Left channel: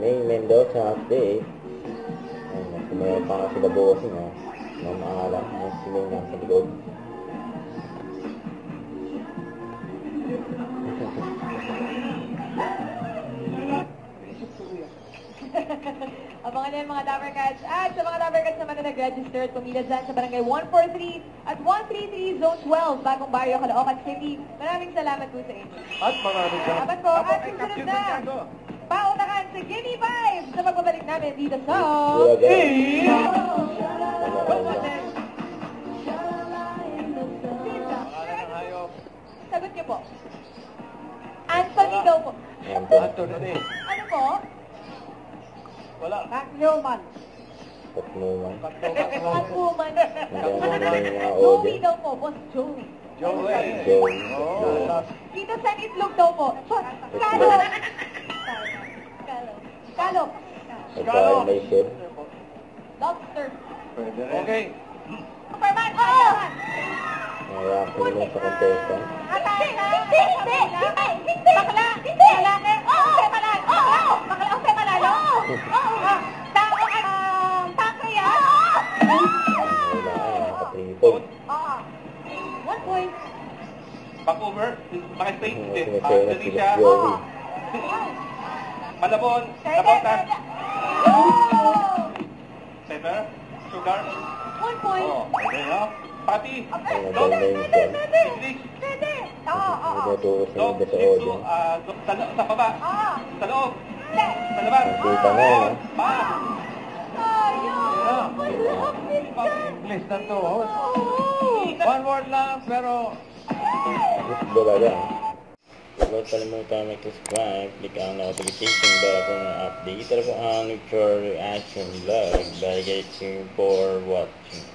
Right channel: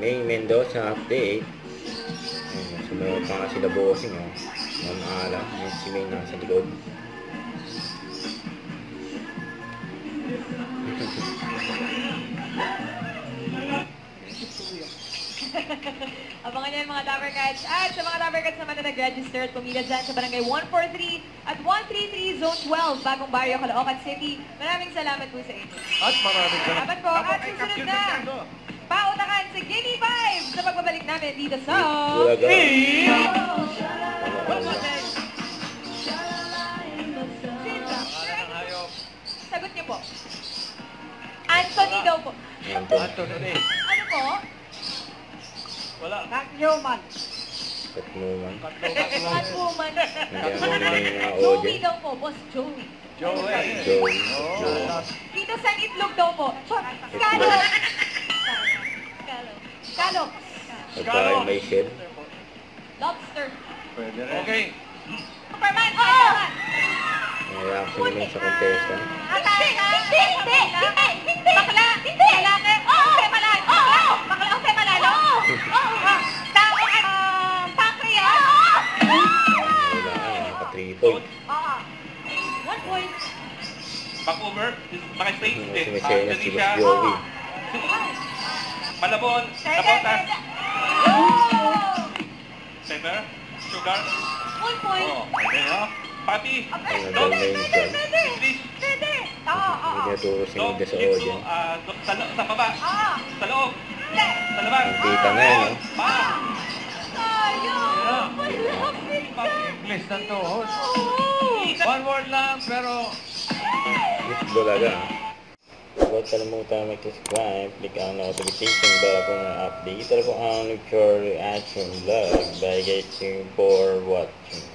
May Mendoza update. Ayun, sumayaw pa nga sila bossing, oh. Mamaalam. Ayun, si May nasa likod. Abangan yan mga Dabarcats. At sa mga Dabarcats naman na nag-register at pumila dyan sa barangay 143 at 133 Zone 12, Bagong Barrio, Caloocan City. Maraming salamat po sa inyo. At maraming Salamat po. At susunod na, pautakan si Gimme Vibes sa pagbabalik namin dito sa... Bulaga. Sagot niyo po. Anthony daw po. Anthony. Ano po? Wala. Catwoman. Catwoman. Catwoman. Hindi ako nila yung mga Joey audience. daw po, Boss Joey. Joey. Joey. Oh. Dito sa itlog daw po. Scallop. Scallop. Pagkain may shell. Lobster. Pwede rin. Okay. Superman. Oo. Reaction nila sa contestant. Hindi. Bakla. Hindi. Lalaki. Oo. Malalo. Oo. Bakla. Ose malalo. Oo. Tao pancreas. Wala, naka 3 point. Oo. 1 point. Vancouver, Makastay, hindi. Sumisena si Indonesia, Boss Joey. Malabon, Napotas, Pepper, Sugar, 1 point. oh, pwede, no? Pati, Ay, Dog, nadal na yun dyan. English, Pwede. Oo. Hindi naturo si Dog, Nida sa Shih Tzu, audience. sa baba, Oo. sa loob, Hindi. sa labas, Nakita na yun, no? pa, Tayo. Malapit na. English na to. Oo. One word lang, pero... Bulaga. Huwag kalimutan mag-subscribe, click ang notification bell for mga update. Ito po ang Nuture Reaction Vlog. Bye guys, for watching.